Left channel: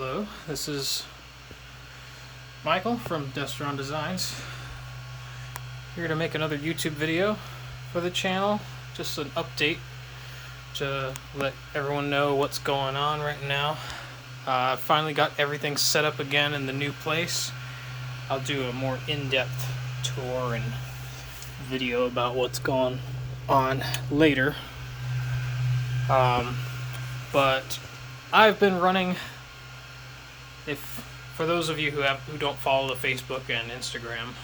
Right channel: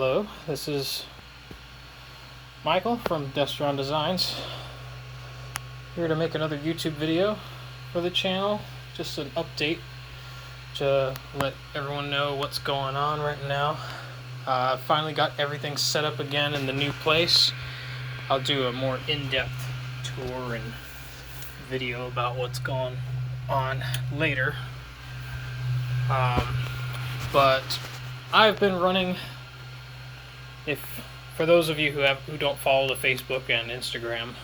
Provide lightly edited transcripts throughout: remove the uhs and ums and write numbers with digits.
Hello, this is Michael from Destron Designs, here to make another YouTube video for the channel. Just an update to let everyone know what's going on right now. I finally got everything set up again in the new place. I'll do a more in-depth tour and video about what's going on later. But I've been running, for those of you who don't follow the Facebook and Instagram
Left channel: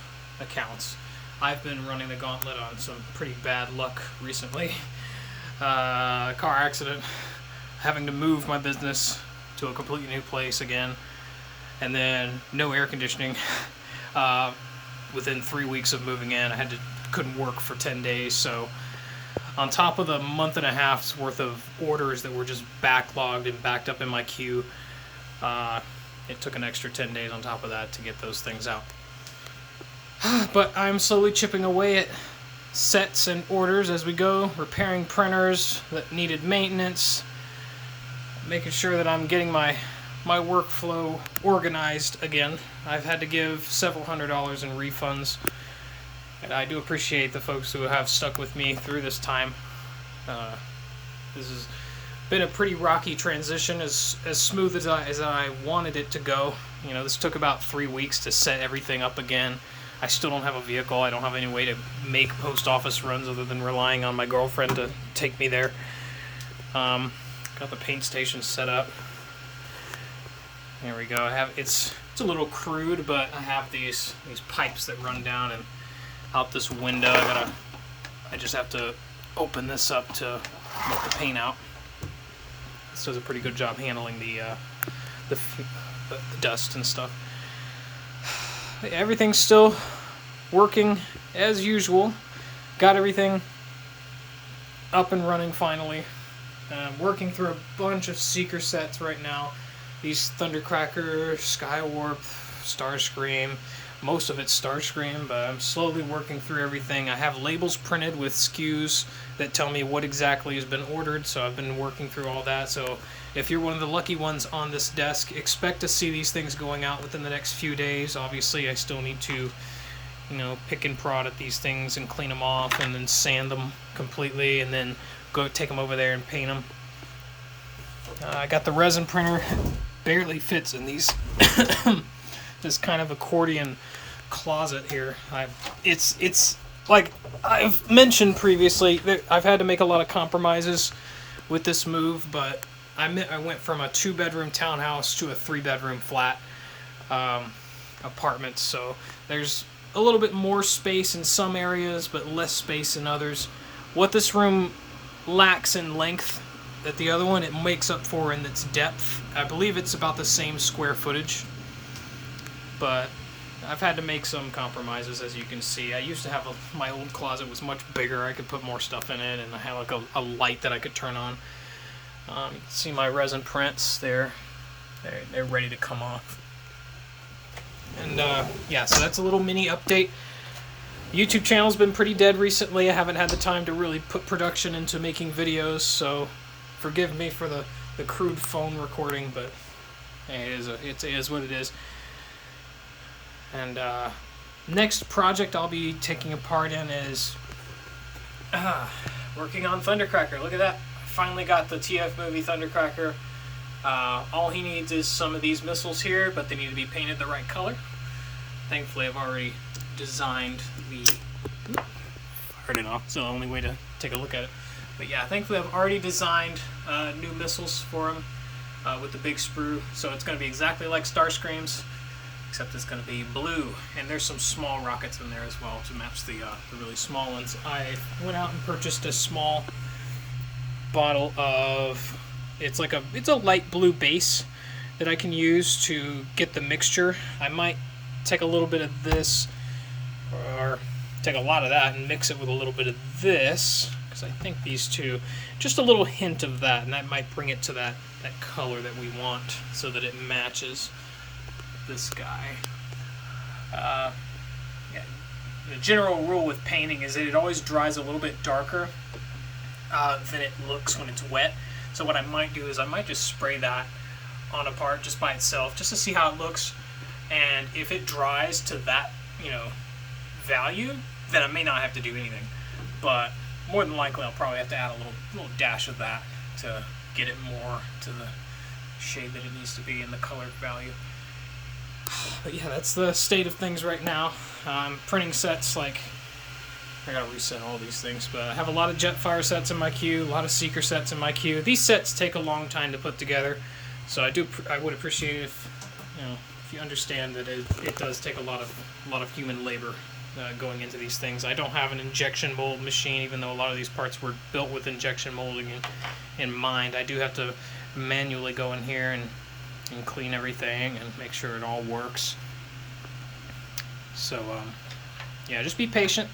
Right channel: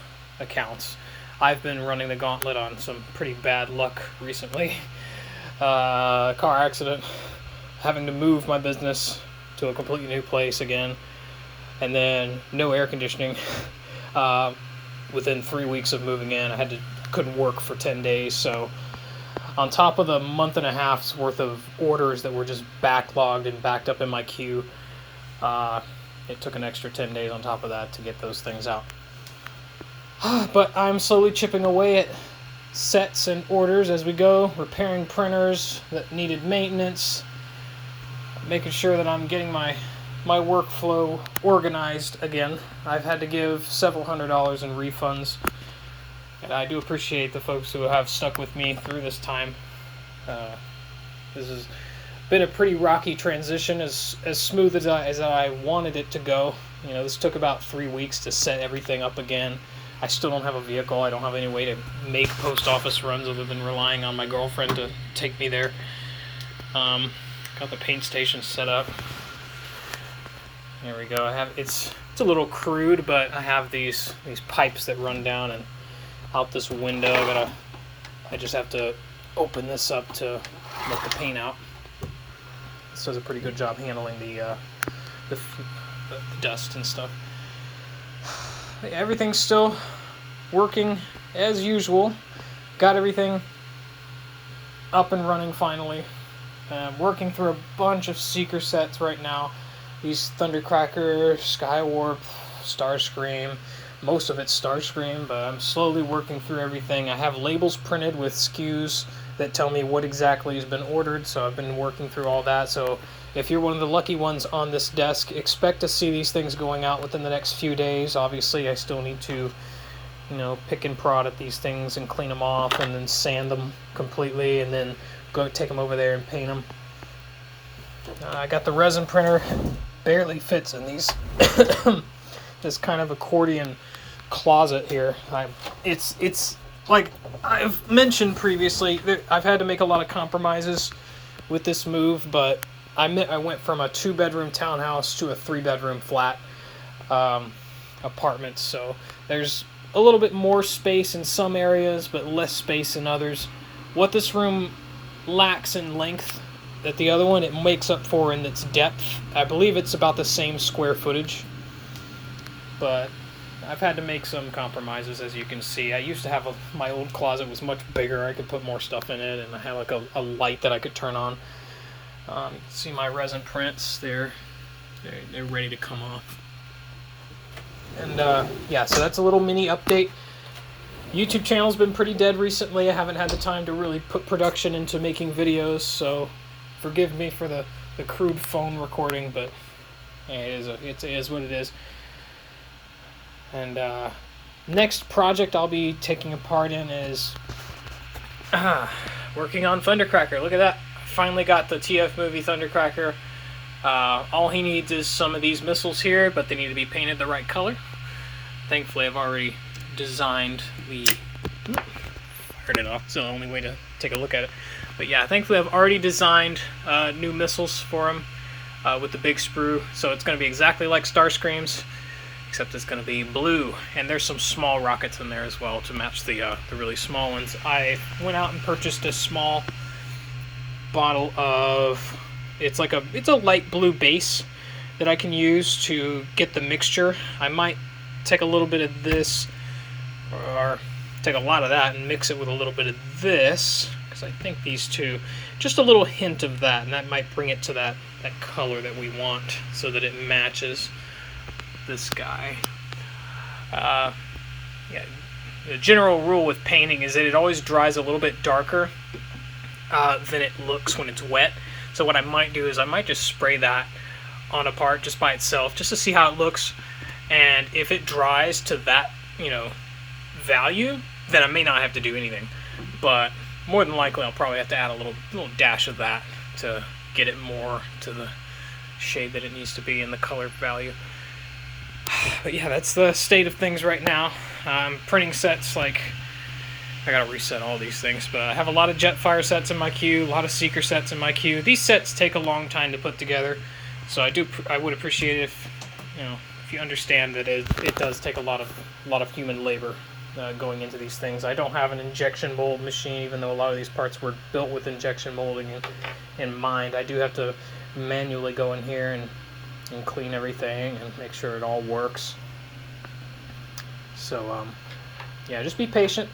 accounts, I've been running the gauntlet on some pretty bad luck recently. Car accident, having to move my business to a completely new place again, and then no air conditioning. Within 3 weeks of moving in, I couldn't work for 10 days. So on top of the month and a half's worth of orders that were just backlogged and backed up in my queue, it took an extra 10 days on top of that to get those things out. But I'm slowly chipping away at sets and orders as we go, repairing printers that needed maintenance, making sure that I'm getting my workflow organized again. I've had to give several $100s in refunds, and I do appreciate the folks who have stuck with me through this time. This has been a pretty rocky transition, as smooth as I wanted it to go. You know, this took about 3 weeks to set everything up again. I still don't have a vehicle. I don't have any way to make post office runs other than relying on my girlfriend to take me there. Got the paint station set up. There we go. It's a little crude, but I have these pipes that run down and out this window. I just have to open this up to let the paint out. This does a pretty good job handling the dust and stuff. Everything's still working as usual. Got everything up and running finally. Working through a bunch of seeker sets right now. These Thundercracker, Skywarp, Starscream. Most of it's Starscream, but I'm slowly working through everything. I have labels printed with SKUs that tell me what exactly has been ordered, so I've been working through all that. So if you're one of the lucky ones on this desk, expect to see these things going out within the next few days. Obviously, I still need to, pick and prod at these things and clean them off and then sand them completely and then go take them over there and paint them. I got the resin printer. Barely fits in these this kind of accordion closet here. It's like I've mentioned previously, I've had to make a lot of compromises with this move, but I went from a 2-bedroom townhouse to a 3-bedroom flat apartment, so there's a little bit more space in some areas but less space in others. What this room lacks in length that the other one, it makes up for in its depth. I believe it's about the same square footage, but I've had to make some compromises, as you can see. I used to have my old closet was much bigger. I could put more stuff in it, and I had like a light that I could turn on. You can see my resin prints. They're ready to come off. And yeah, so that's a little mini update. YouTube channel's been pretty dead recently. I haven't had the time to really put production into making videos, so forgive me for the crude phone recording, but it is what it is. And next project I'll be taking a part in is working on Thundercracker. Look at that. Finally got the TF movie Thundercracker. All he needs is some of these missiles here, but they need to be painted the right color. Thankfully, I've already designed fired it off. It's the only way to take a look at it. But yeah, thankfully I've already designed new missiles for him with the big sprue. So it's going to be exactly like Starscream's, except it's going to be blue. And there's some small rockets in there as well to match the really small ones. I went out and purchased a small bottle of, it's a light blue base that I can use to get the mixture. I might take a little bit of this, or take a lot of that and mix it with a little bit of this, because I think these two, just a little hint of that, and that might bring it to that color that we want so that it matches this guy. Yeah, the general rule with painting is that it always dries a little bit darker than it looks when it's wet. So what I might do is I might just spray that on a part just by itself, just to see how it looks. And if it dries to that, you know, value, then I may not have to do anything. But more than likely, I'll probably have to add a little dash of that to get it more to the shade that it needs to be in the color value. But yeah, that's the state of things right now. I'm printing sets like, I gotta reset all these things, but I have a lot of Jetfire sets in my queue, a lot of Seeker sets in my queue. These sets take a long time to put together, so I would appreciate it if, you know, if you understand that it does take a lot of human labor going into these things. I don't have an injection mold machine, even though a lot of these parts were built with injection molding in mind. I do have to manually go in here and clean everything and make sure it all works. So yeah, just be patient.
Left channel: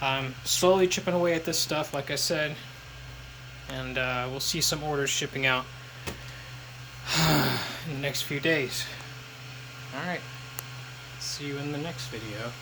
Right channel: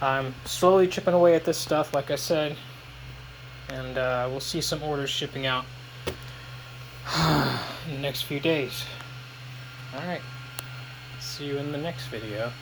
I'm slowly chipping away at this stuff, like I said, and we'll see some orders shipping out in the next few days. Alright, see you in the next video.